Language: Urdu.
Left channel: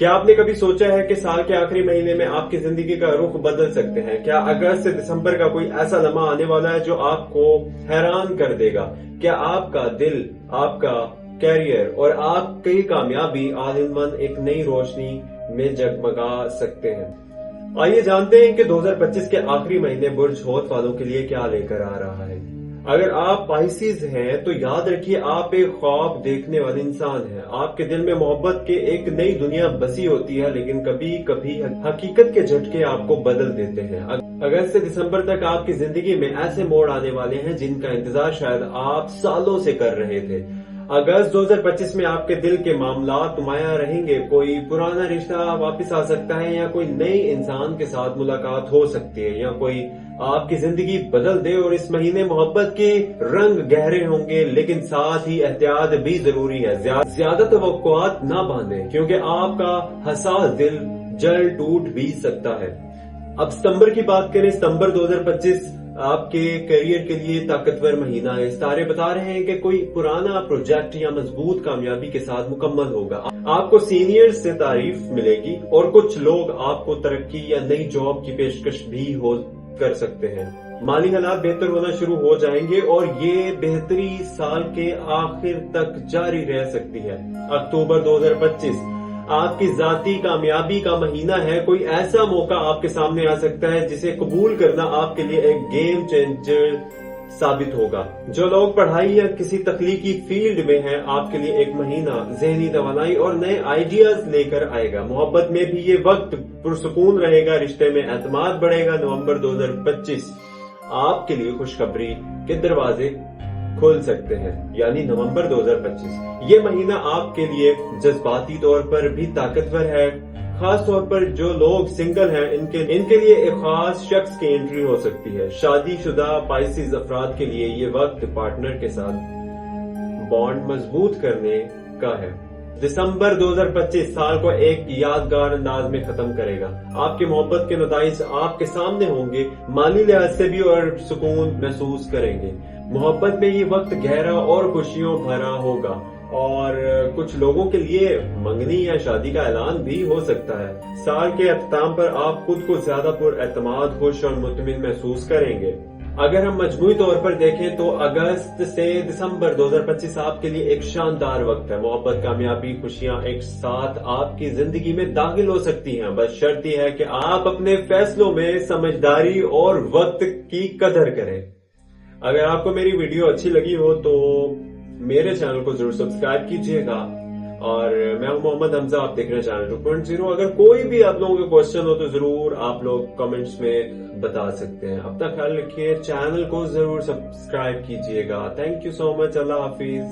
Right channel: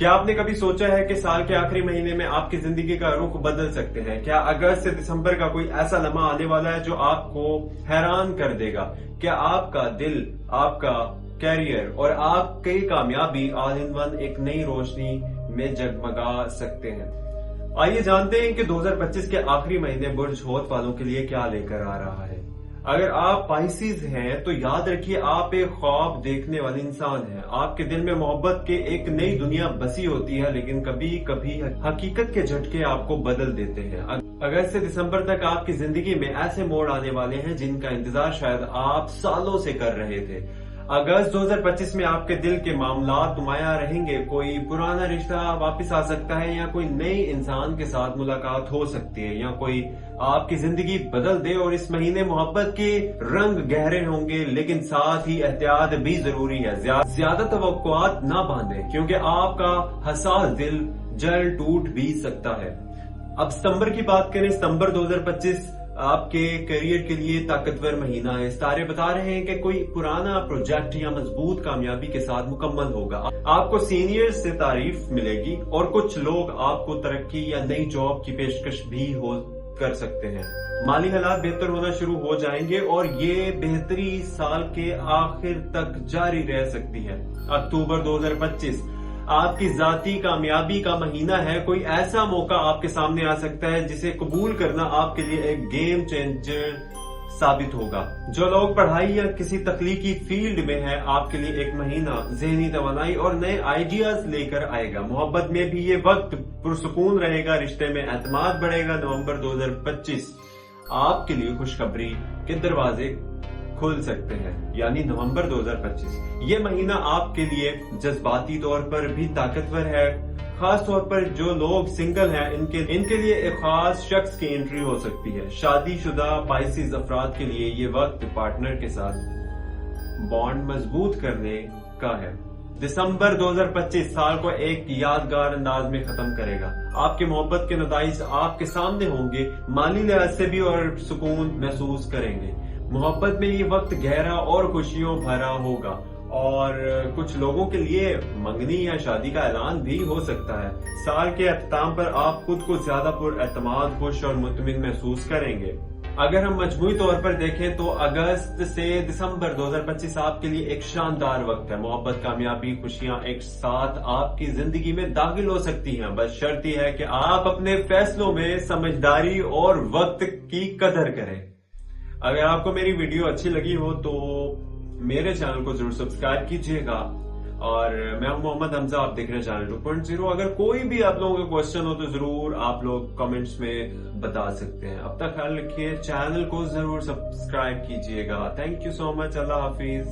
کیا آپ نے کبھی سوچا ہے کہ سال کے آخری مہینے میں آپ کی زندگی کا رخ بدل سکتے ہیں؟ کیا اگست سے دسمبر کا کوئی ایسا لمحہ آنے والا ہے جو آپ کو حیران کر دے گا؟ کیا آپ کا دل، آپ کا کیریئر اور آپ کی کامیابی آل ان ون ایک نئی روشنی میں جگمگا سکتے ہیں؟ آئیے جانتے ہیں کہ 2025 کے آخری مہینے برج حوت والوں کے لیے کیا لے کر آ رہا ہے۔ اگر آپ پائسیز ہیں تو یاد رکھیے آپ ایک خواب دیکھنے والے انسان ہیں۔ آپ کے دل میں محبت کے ایک نئی دنیا بسی ہوتی ہے، لیکن کبھی کبھی حقیقت کے جھٹکے آپ کو بدل دیتے ہیں۔ اگست سے دسمبر تک آپ کی زندگی میں ایسے موڑ آنے والے ہیں جن کا انتظار شاید آپ سالوں سے کر رہے تھے۔ اگست 2025 میں آپ کے دل کے معاملات نمایاں رہیں گے۔ کوئی پرانا رشتہ واپس آ سکتا ہے، یا کوئی نئے انسان کے ساتھ ملاقات ہو سکتی ہے، یا کوئی آپ کی زندگی بدل دے۔ اور اس مہینے محبت کے رنگ گہرے ہوں گے، لیکن ساتھ ہی احتیاط بھی ضروری ہے۔ زیادہ توقعات نہ باندھیں، کیونکہ آپ کا حساس دل جلد ٹوٹ بھی سکتا ہے۔ اب ستمبر کی بات کریں۔ ستمبر 2025 آپ کے کیریئر کے لیے طاقتور مہینہ ہے۔ ستارے بتا رہے ہیں کہ کوئی پرانا پروجیکٹ یا مضبوط کامیابی کے ساتھ مکمل ہوگا۔ آپ کو سینئر سے تعریف ملے گی، اور کچھ لوگ آپ کو ترقی یا نئی جاب کی پیشکش بھی کر سکتے ہیں۔ مالی حالات بہتر ہونا شروع ہو جائیں گے، اور یہ بہتری سال کے آخر تک جاری رہ سکتی ہے۔ اکتوبر 2025 آپ کی ذاتی کامیابی کا مہینہ ہے۔ کوئی ایسا موقع آپ کے سامنے آ سکتا ہے جسے قبول کرنا آپ کے لیے ایک گیم چینجر ثابت ہوگا۔ جو لوگ پڑھائی یا کسی تخلیقی فیلڈ میں ہیں، آپ کے لیے ایک مہینہ ذہنی توانائی اور نئے آئیڈیاز لے کر آئے گا۔ محبت میں بھی یہ وقت پرسکون رہے گا، رشتے میں اعتماد بڑھے گا۔ نومبر 2025 آپ کے لیے خوشخبری کے دروازے کھل سکتے ہیں، یعنی نومبر 2025 یہ مہینہ آپ کے لیے جذباتی طور پر بھی طاقتور ہے۔ خاص طور پر جو لوگ سنگل ہیں، ان کے لیے ایک خاص شخص کی انٹری ہو سکتی ہے۔ شادی شدہ پائسیز افراد کے لیے یہ وقت پارٹنر کے ساتھ بانڈ مضبوط کرنے کا ہے۔ دسمبر 2025 سال کو ایک یادگار انداز میں ختم کرے گا۔ آپ کے محبت کے نتائج آپ کے سامنے ہوں گے، مالی لحاظ سے بھی، اور سکون محسوس کریں گے۔ محبت میں یہ وقت گہرا اور خوشیوں بھرا ہوگا، اور کچھ لوگوں کے لیے منگنی یا شادی کا اعلان بھی ہو سکتا ہے۔ سال کے اختتام پر آپ خود کو زیادہ پر اعتماد، خوش اور مطمئن محسوس کریں گے۔ اگر ہم مجموعی طور پر دیکھیں تو اگست سے دسمبر 2025 آپ کے لیے ایک شاندار وقت ہے۔ محبت، کامیابی، خوشیاں ایک ساتھ آپ کی زندگی میں داخل ہو سکتی ہیں۔ بس شرط یہ ہے کہ آپ اپنے فیصلوں میں سمجھداری اور وقت کی قدر کریں۔ اگر آپ کو میری ویڈیو اچھی لگی ہو تو میرے چینل کو ضرور سبسکرائب کیجیے گا، اور میں ہوں محمد حمزہ، آپ دیکھ رہے ہیں چینل 2.0۔ اگر کوئی بھی آپ لوگوں کا کوشچن ہو تو ضرور آپ لوگ کمنٹس میں بتا سکتے ہیں۔ اب تک خیال رکھیے، چینل کو ضرور سبسکرائب کیجیے گا۔ تھینک یو سو مچ، اللہ حافظ۔